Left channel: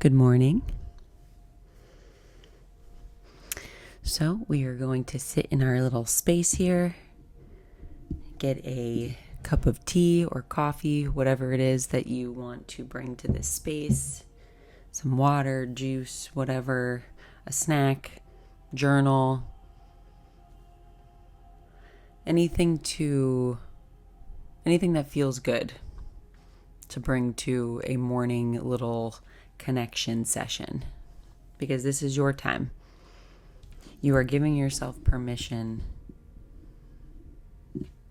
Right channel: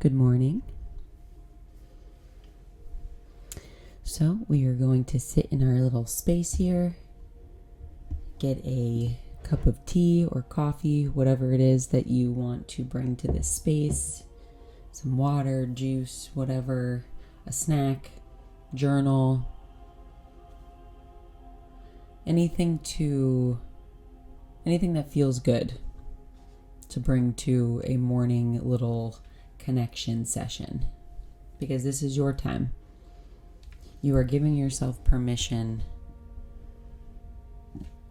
Good morning. So we are going to sit in our little space here, get a cup of tea or coffee, whatever it is that you want to bring to this space, some water, juice, whatever, a snack, journal, anything that feels good to bring to a morning little connection session, because this is your time. You are giving yourself permission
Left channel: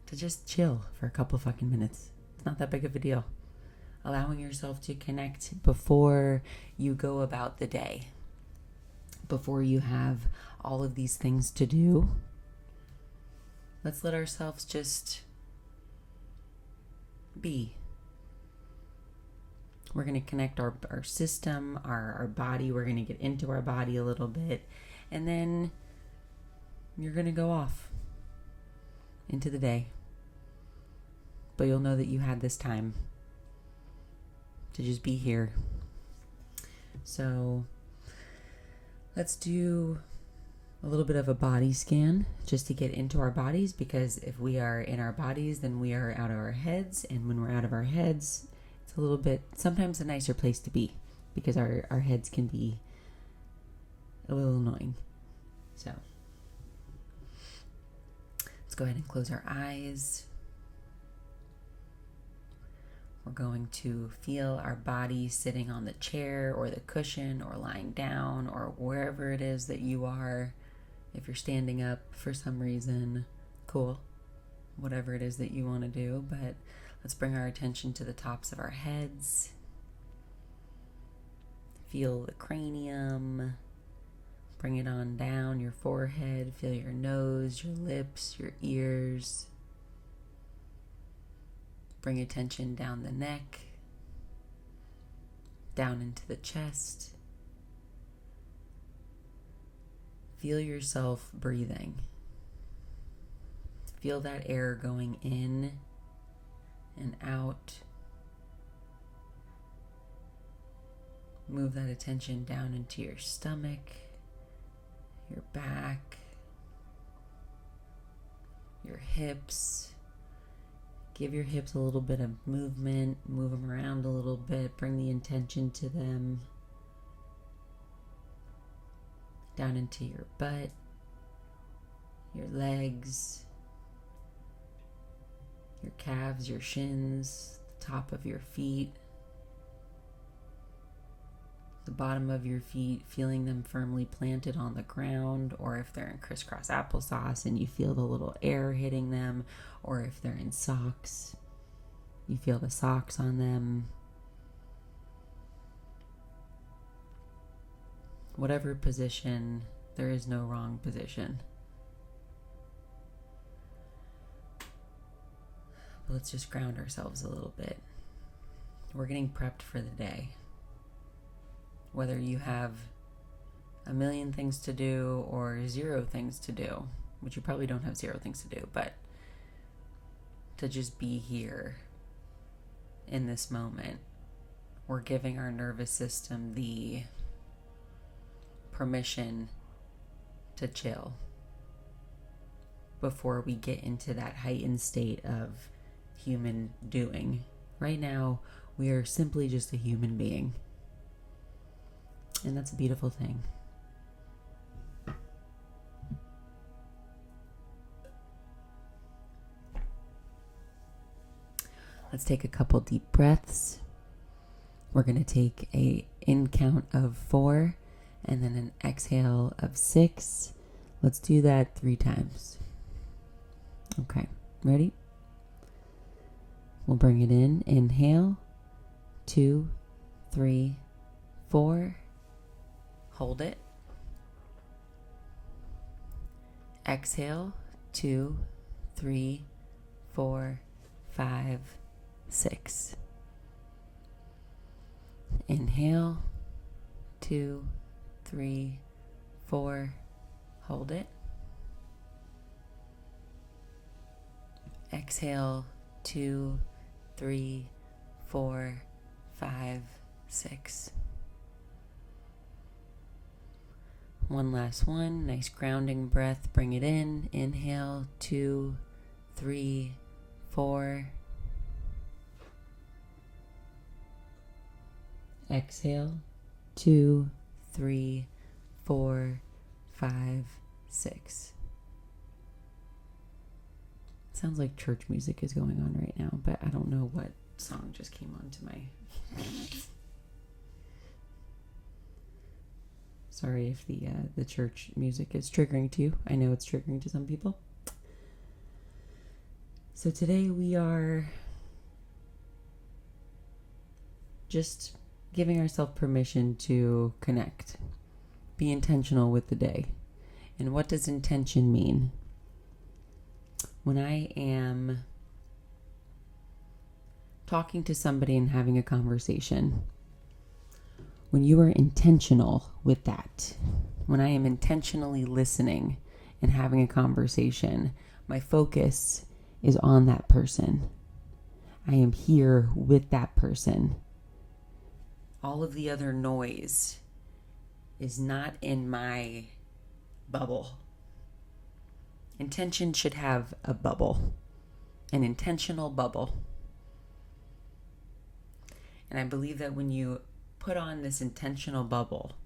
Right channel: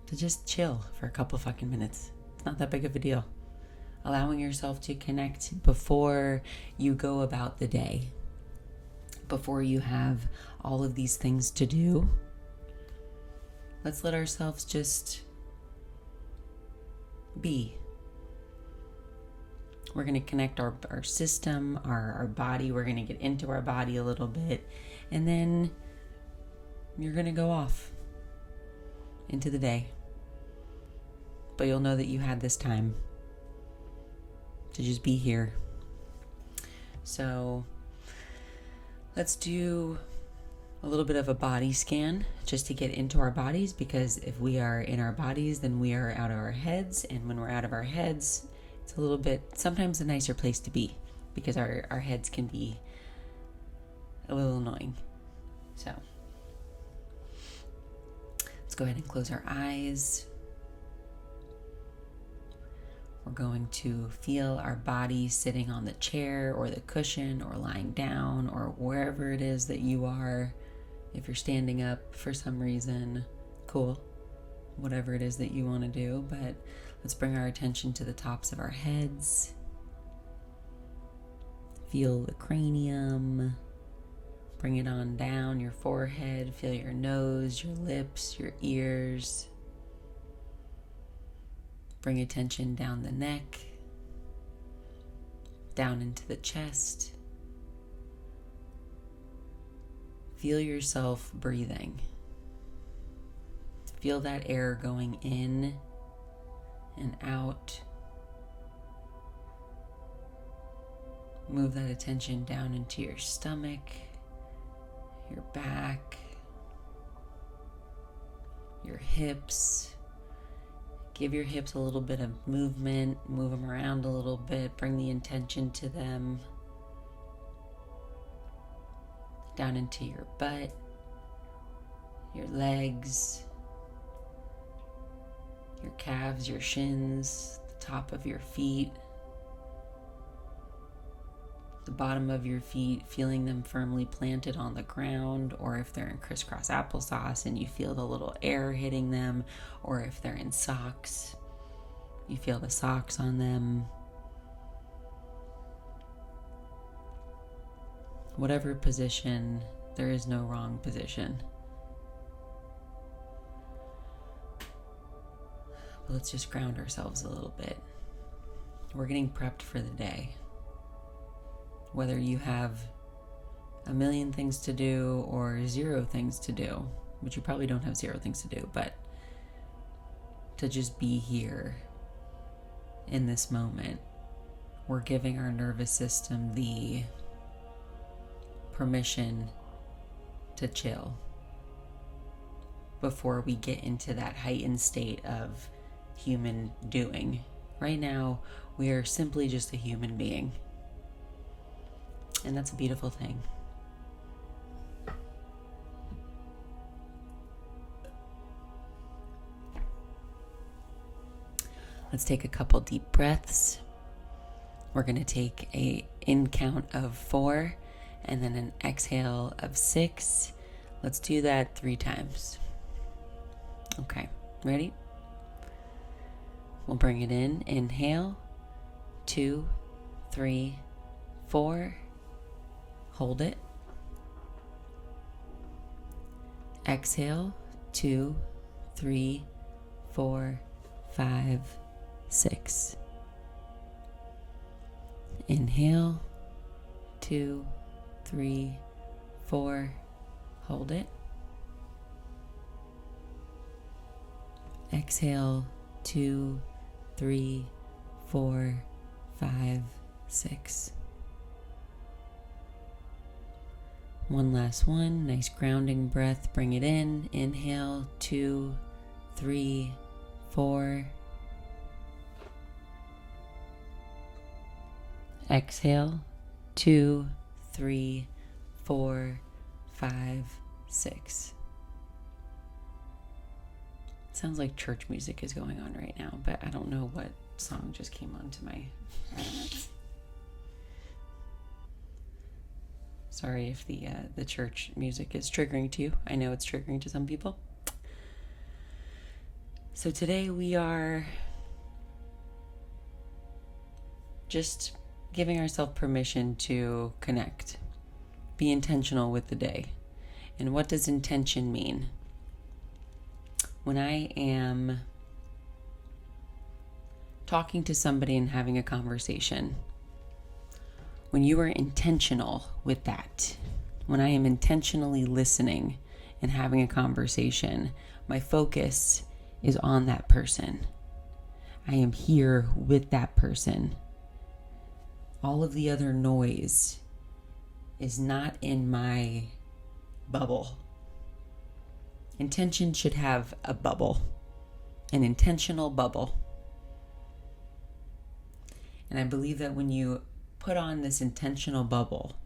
to just chill for a couple fucking minutes. It's not that big of a deal. Allowing yourself to connect before you go about the day, before you have all of these things to do. Let's let ourselves just be. We're going to connect our system, our body. We're going to get into our body a little bit. And then you're going to go off into the day. But you'll know that you had this time to just be here. So let's do a little bit of a body scan just to get into our bodies, because if we are in our bodies, then we are out of our heads. And when we're out of our heads, it's a little bit, sometimes a nicer place to be, because our heads can be a little annoying. So let's go ahead and close our eyes. We're going to feel our body sitting on the chair or the cushion or lying down or wherever it is that you are. If you're standing up for some reason, cool. Whatever it is that you want to do, but let's bring our attention to the tops of our heads. Feel the cranium. Bring it on down your forehead. Feel your nose, your lips, your ears. Bring attention down the neck, down into the chest. Feel yourself breathing. Feel that air going in and out. Move that attention down into your stomach, your back, your hips. Give your hips a little bit of movement, move them around a little bit, bring the intention to them. Down into your butt, your legs, your calves, your shins, the top of your feet, the bottom of your feet, feeling them firmly planted on the ground, or if they're in crisscross applesauce and you feel the little air hitting them, or if they're in socks, you feel the socks on them. Whatever position, there is no wrong position. But let's just ground ourselves a little bit. We're getting prepped for the day. Whether you have a million things to do or 0 things to do, which you probably don't have 0 things to do, but to just be here in this moment, we're giving our nervous system the permission to chill before we get into that heightened state of human doing. Right now, we are simply just a human being. And that's a beautiful thing. Let's take a couple deep breaths. We're going to take an in count of 4 and then an exhale of 6. Let's do that 3 times. Okay, ready? We'll bring it in. Inhale, 2, 3, 4. Hold it. Exhale, 2, 3, 4, 5, 6. Inhale, 2, 3, 4. Hold it. Exhale, 2, 3, 4, 5, 6. One last one. Nice grounding breath. Bring it in. Inhale. 2, 3, 4. Exhale. 2, 3, 4, 5, 6. Sounds like church music is going on right now, but I don't know what song just came onto my... Sorry if the church music is triggering to you. I know it's triggering to some people. So today we are just giving ourselves permission to connect. Be intentional with the day. And what does intention mean? When I am talking to somebody and having a conversation, when you are intentional with that, when I am intentionally listening and having a conversation, my focus is on that person. I am here with that person. All of the other noise is not in my bubble. Intention should have a bubble, an intentional bubble. And I believe that when you put on this intentional bubble,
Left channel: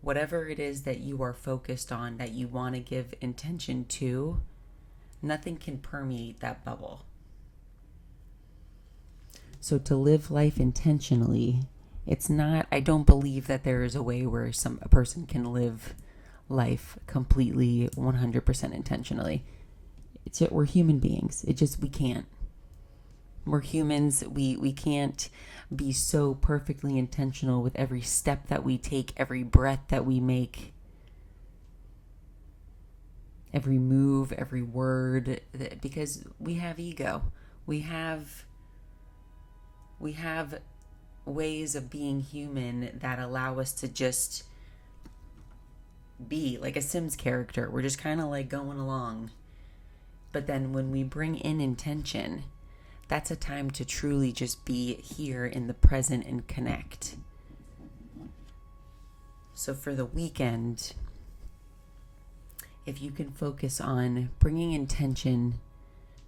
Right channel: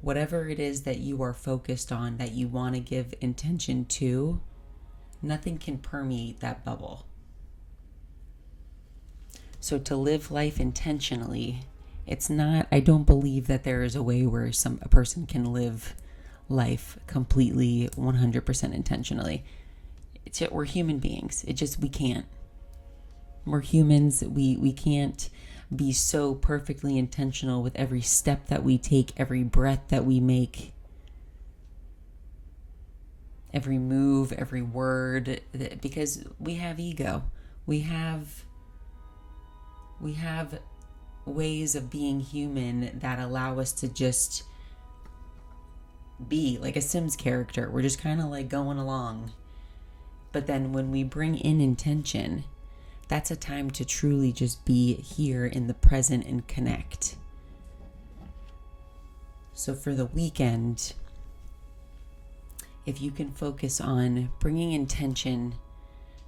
whatever it is that you are focused on, that you want to give intention to, nothing can permeate that bubble. So to live life intentionally, it's not, I don't believe that there is a way where a person can live life completely 100% intentionally. We're human beings. We can't. We're humans. We can't be so perfectly intentional with every step that we take, every breath that we make, every move, every word, because we have ego. We have ways of being human that allow us to just be like a Sims character. We're just kind of like going along. But then when we bring in intention, that's a time to truly just be here in the present and connect. So for the weekend, if you can focus on bringing intention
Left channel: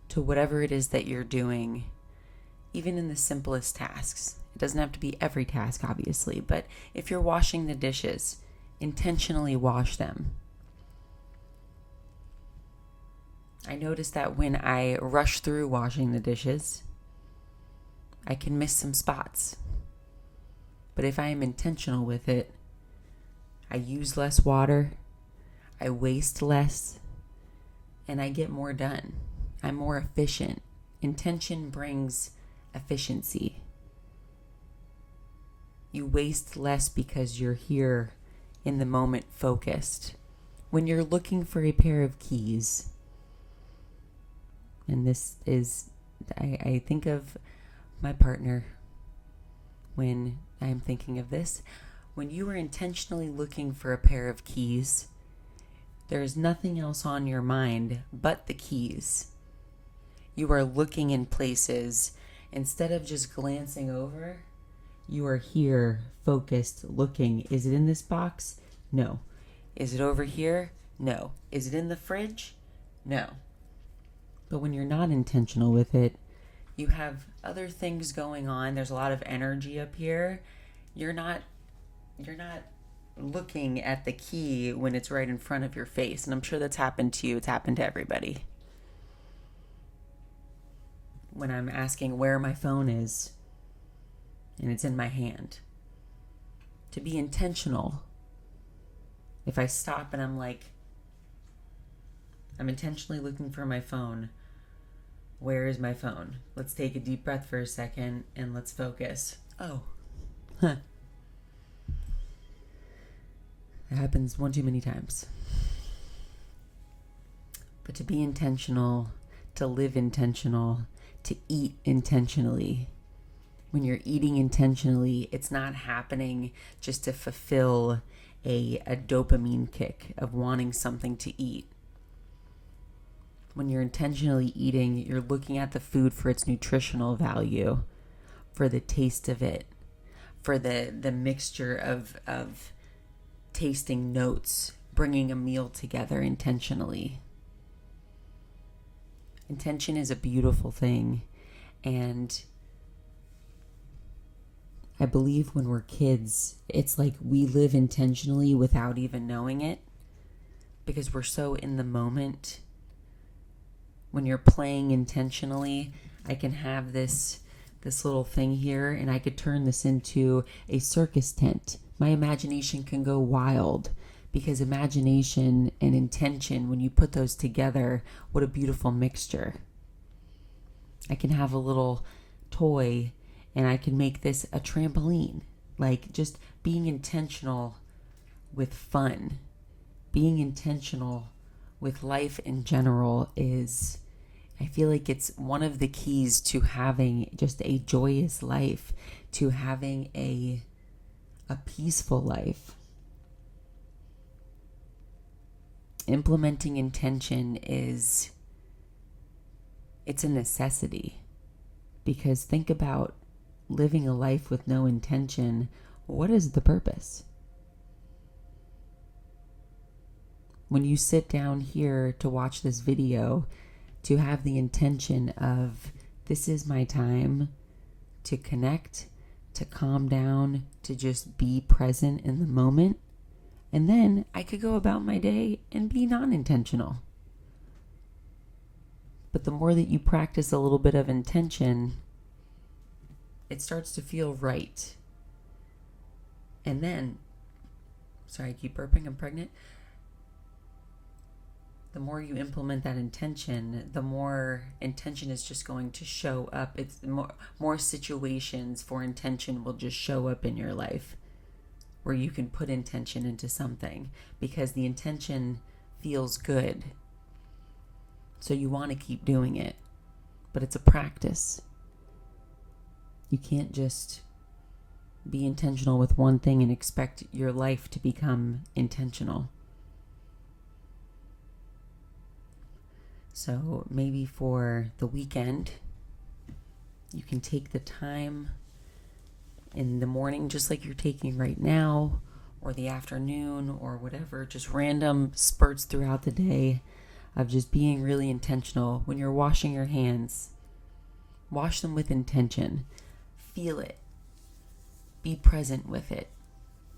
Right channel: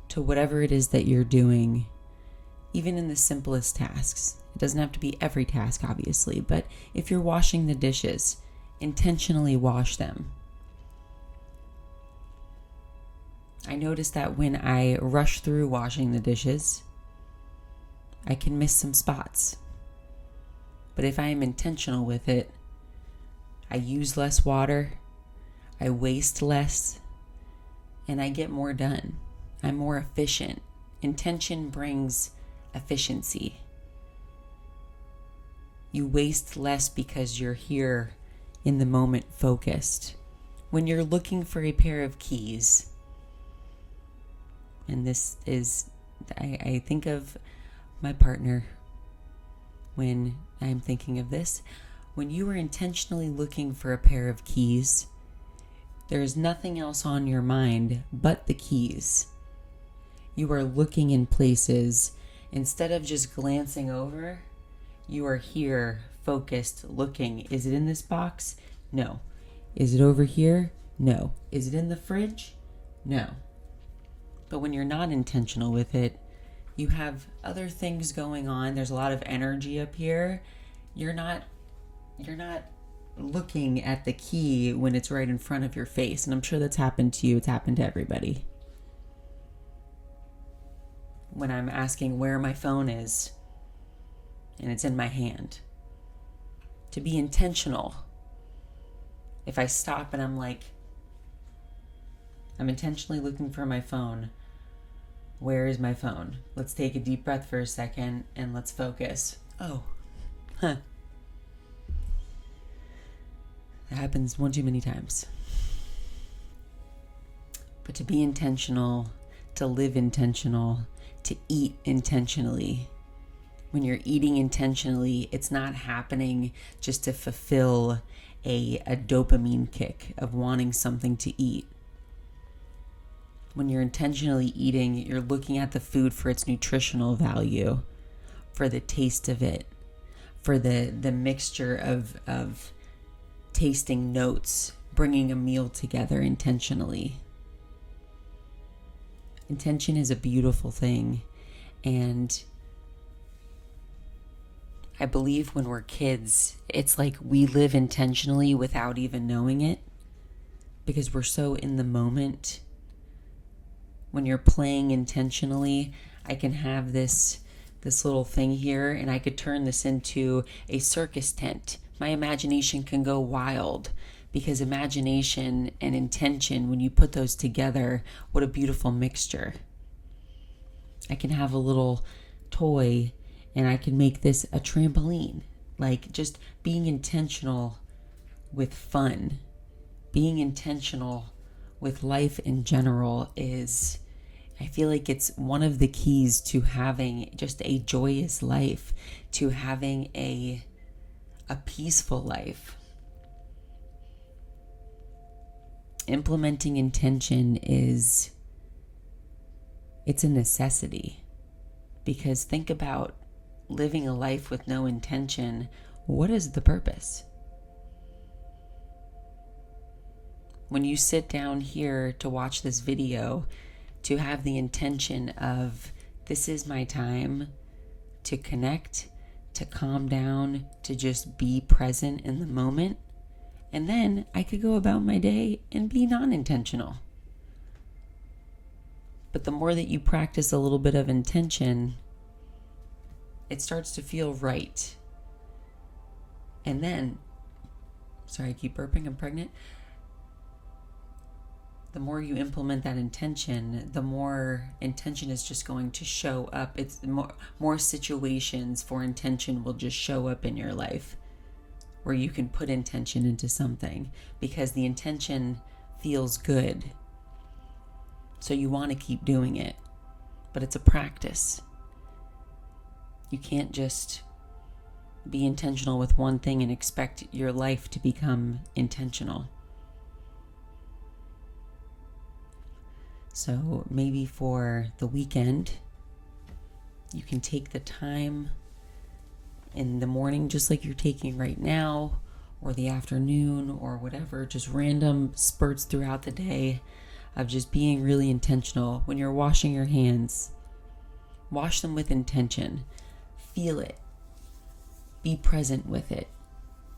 to whatever it is that you're doing, even in the simplest tasks. It doesn't have to be every task, obviously, but if you're washing the dishes, intentionally wash them. I notice that when I rush through washing the dishes, I can miss some spots. But if I am intentional with it, I use less water, I waste less, and I get more done. I'm more efficient. Intention brings efficiency. You waste less because you're here in the moment focused. When you're looking for a pair of keys, and this is, I think of my partner when I'm thinking of this. When you are intentionally looking for a pair of keys, there is nothing else on your mind but the keys. You are looking in places. Instead of just glancing over, you are here, focused, looking. Is it in this box? No. Is it over here? No. Is it in the fridge? No. But when you're not intentional with it, you have other things going on. There's a lot of energy up here. You're not looking at the key when it's right in front of your face. And I'm sure that's happened to you. It's happened to everybody. When I'm asking where my phone is and it's in my hand. To be intentional. If I stop and I'm like, I'm intentionally looking for my phone. Where is my phone? Let's take a deep breath for a second and let's focus. Oh, That happens one too many times. But to be intentional, to live intentional, to eat intentionally. When you're eating intentionally, it's not happening just to fulfill a dopamine kick of wanting something to eat. When you're intentionally eating, you're looking at the food for its nutritional value, for the taste of it, for the mixture of tasting notes, bringing a meal together intentionally. Intention is a beautiful thing, and I believe when we're kids, it's like we live intentionally without even knowing it, because we're so in the moment. When you're playing intentionally, I can have this little thing here, and I could turn this into a circus tent. My imagination can go wild, because imagination and intention, when you put those together, what a beautiful mixture. I can have a little toy, and I can make this a trampoline. Like, just being intentional with fun, being intentional with life in general is, I feel like it's one of the keys to having just a joyous life, to having a peaceful life. Implementing intention it's a necessity, because think about living a life with no intention. What is the purpose? When you sit down here to watch this video, to have the intention of, this is my time to connect, to calm down, to just be present in the moment, and then I could go about my day and be non-intentional. But the more that you practice a little bit of intention, it starts to feel right. And then, sorry, I keep burping, I'm pregnant. The more you implement that intention, the more intention is just going to show up. It's more situations for intention will just show up in your life, where you can put intention into something, because the intention feels good. So you want to keep doing it, but it's a practice. You can't just be intentional with one thing and expect your life to become intentional. So maybe for the weekend, you can take the time in the morning, just like you're taking right now, or the afternoon, or whatever, just random spurts throughout the day of just being really intentional. When you're washing your hands, wash them with intention. Feel it. Be present with it.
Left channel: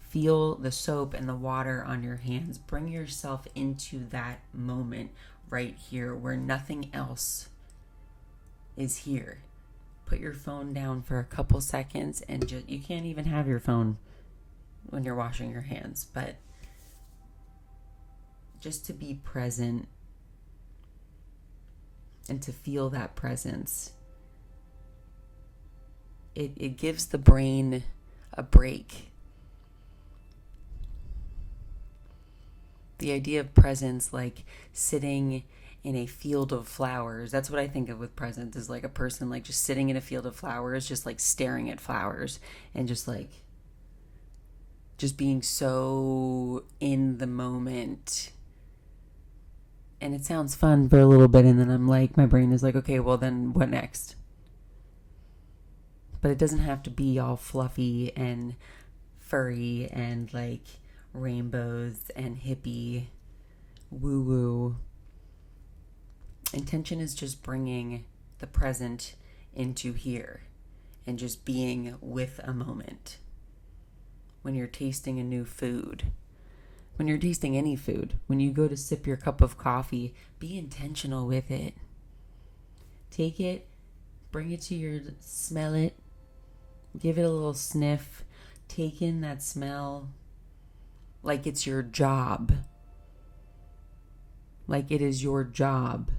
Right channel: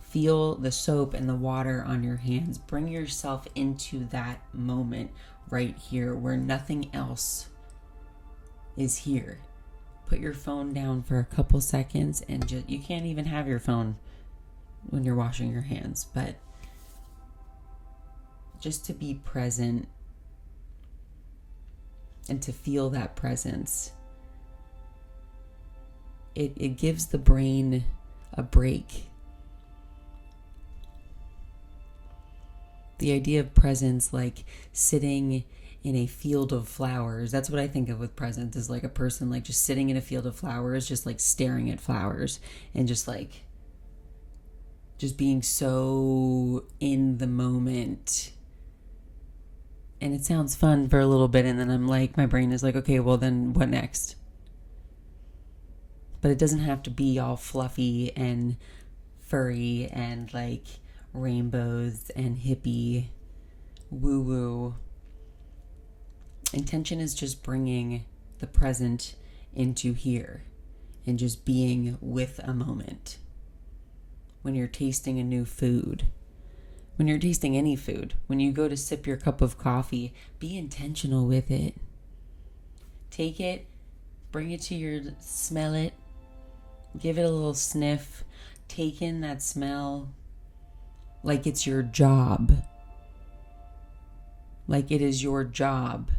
Feel the soap and the water on your hands. Bring yourself into that moment right here, where nothing else is here. Put your phone down for a couple seconds, and you can't even have your phone when you're washing your hands, but just to be present and to feel that presence. It gives the brain a break. The idea of presence, like sitting in a field of flowers, that's what I think of with presence, is like a person like just sitting in a field of flowers, just like staring at flowers, and just being so in the moment. And it sounds fun for a little bit, and then I'm like, my brain is like, okay, well then what next? But it doesn't have to be all fluffy and furry and like rainbows and hippie woo-woo. Intention is just bringing the present into here and just being with a moment. When you're tasting a new food, when you're tasting any food, when you go to sip your cup of coffee, be intentional with it. Take it, bring it to your, smell it, give it a little sniff, take in that smell like it's your job. Like it is your job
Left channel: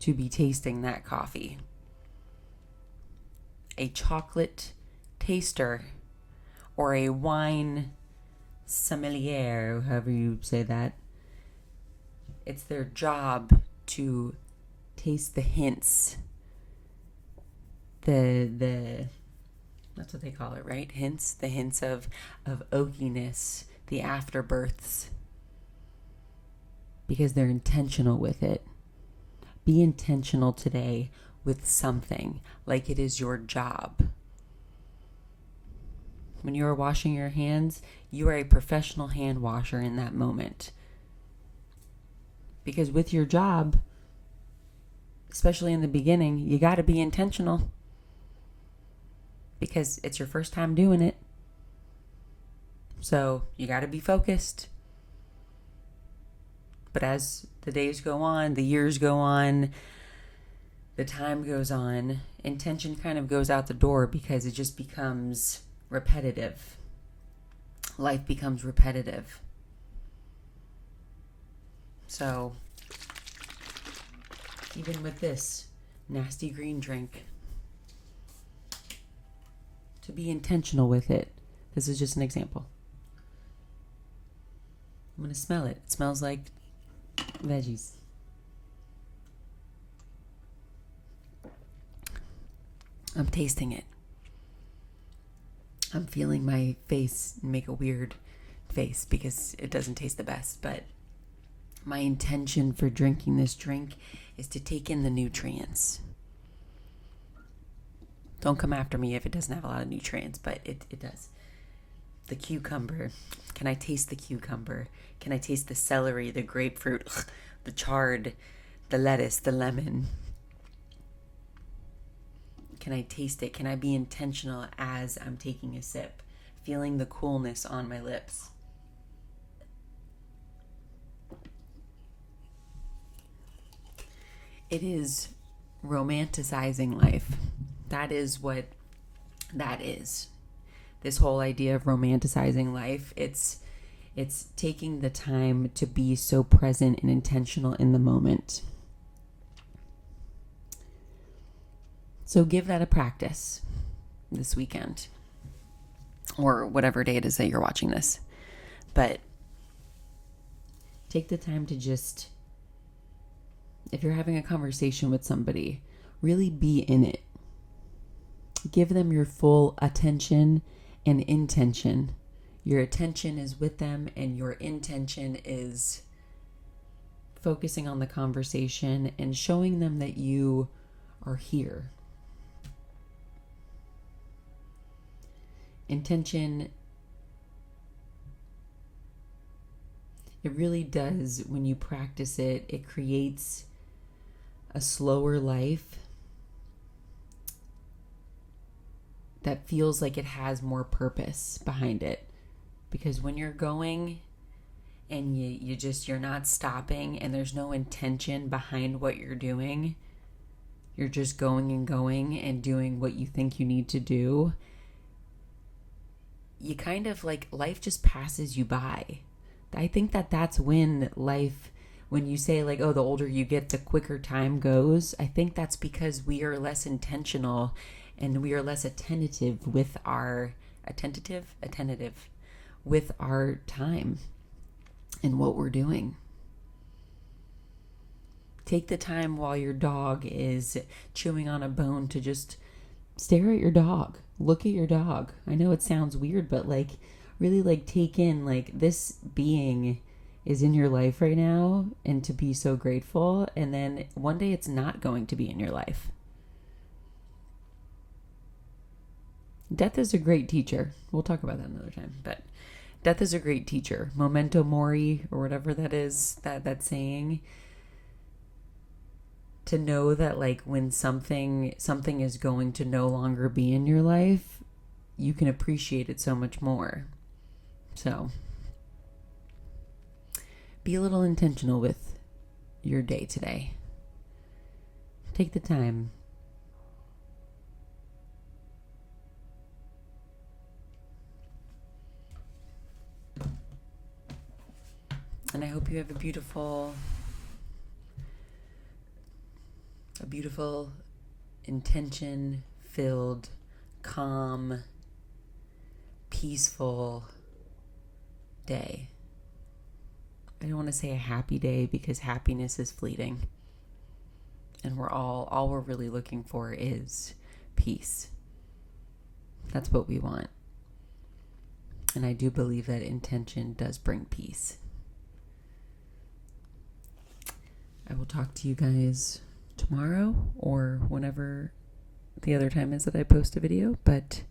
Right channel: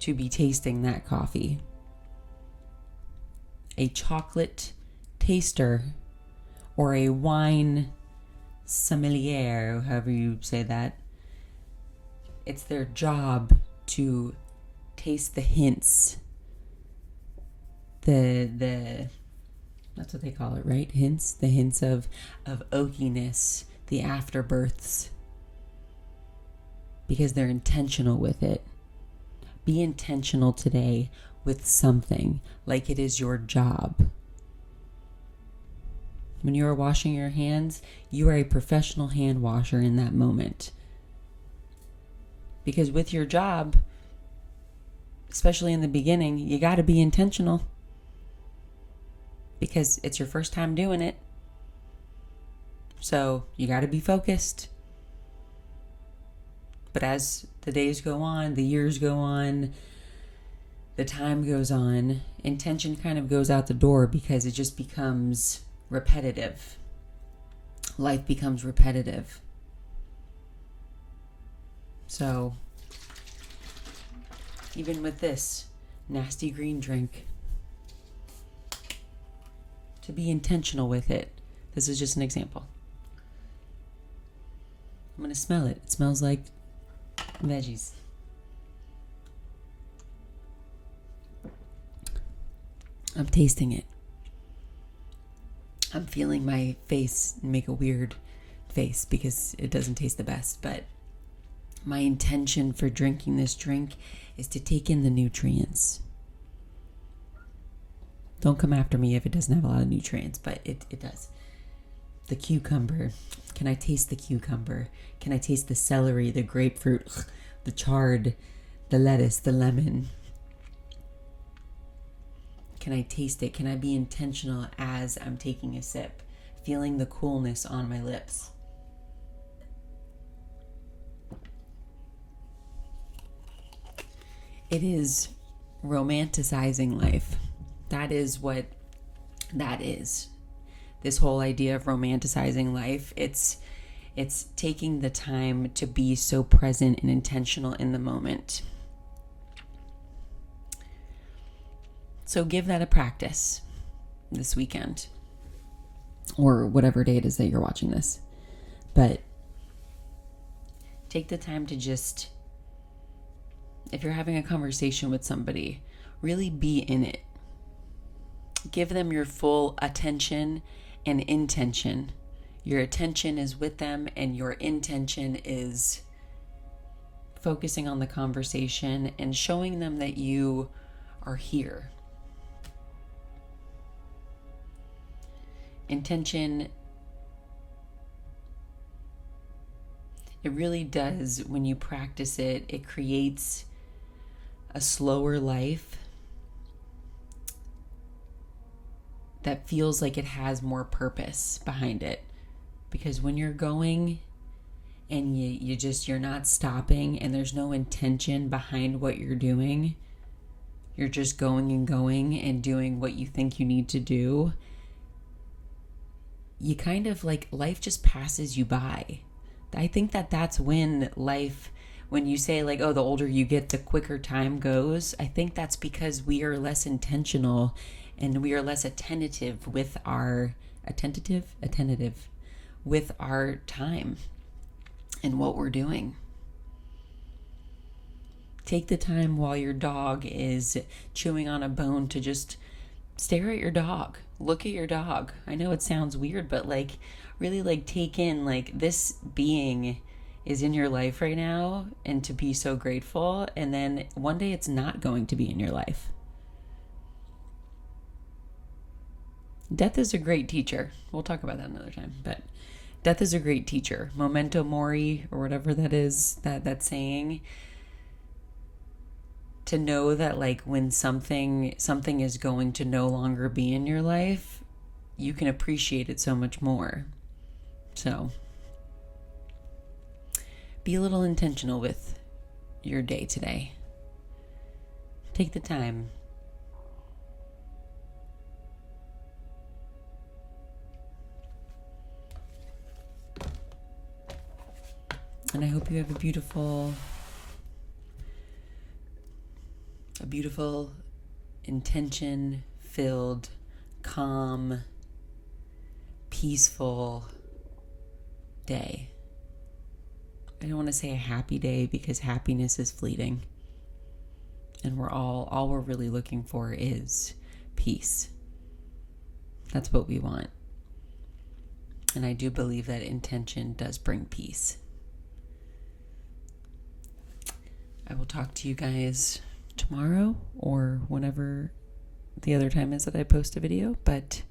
to be tasting that coffee. A chocolate taster or a wine sommelier, however you say that, it's their job to taste the hints, the that's what they call it, right? Hints, the hints of oakiness, the afterbirths, because they're intentional with it. Be intentional today with something, like it is your job. When you are washing your hands, you are a professional hand washer in that moment. Because with your job, especially in the beginning, you got to be intentional because it's your first time doing it. So you got to be focused. But as the days go on, the years go on, the time goes on, intention kind of goes out the door because it just becomes repetitive. Life becomes repetitive. So even with this nasty green drink, to be intentional with it. This is just an example. I'm going to smell it. It smells like veggies. I'm tasting it. I'm feeling my face make a weird face because it doesn't taste the best, but my intention for drinking this drink is to take in the nutrients. Don't come after me if it doesn't have a lot of nutrients, but it does. The cucumber. Can I taste the cucumber? Can I taste the celery, the grapefruit, the chard, the lettuce, the lemon? Can I taste it? Can I be intentional as I'm taking a sip, feeling the coolness on my lips? It is romanticizing life. That is what that is. This whole idea of romanticizing life, it's taking the time to be so present and intentional in the moment. So give that a practice this weekend or whatever day it is that you're watching this. But take the time to just, if you're having a conversation with somebody, really be in it. Give them your full attention and intention. Your attention is with them and your intention is focusing on the conversation and showing them that you are here. Intention, it really does, when you practice it, it creates a slower life that feels like it has more purpose behind it. Because when you're going and you're not stopping and there's no intention behind what you're doing, you're just going and doing what you think you need to do, you kind of like, life just passes you by. I think that's when life, when you say like, oh, the older you get, the quicker time goes, I think that's because we are less intentional and we are less attentive with our with our time and what we're doing. Take the time while your dog is chewing on a bone to just stare at your dog. Look at your dog. I know it sounds weird, but like really like take in like this being is in your life right now and to be so grateful. And then one day it's not going to be in your life. Death is a great teacher. We'll talk about that another time, but death is a great teacher. Memento mori, or whatever that is, that saying. To know that like when something is going to no longer be in your life, you can appreciate it so much more. So be a little intentional with your day today. Take the time. And I hope you have a beautiful, intention-filled, calm, peaceful day. I don't want to say a happy day because happiness is fleeting. And all we're really looking for is peace. That's what we want. And I do believe that intention does bring peace. I will talk to you guys tomorrow or whenever the other time is that I post a video, but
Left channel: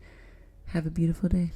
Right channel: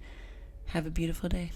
have a beautiful day.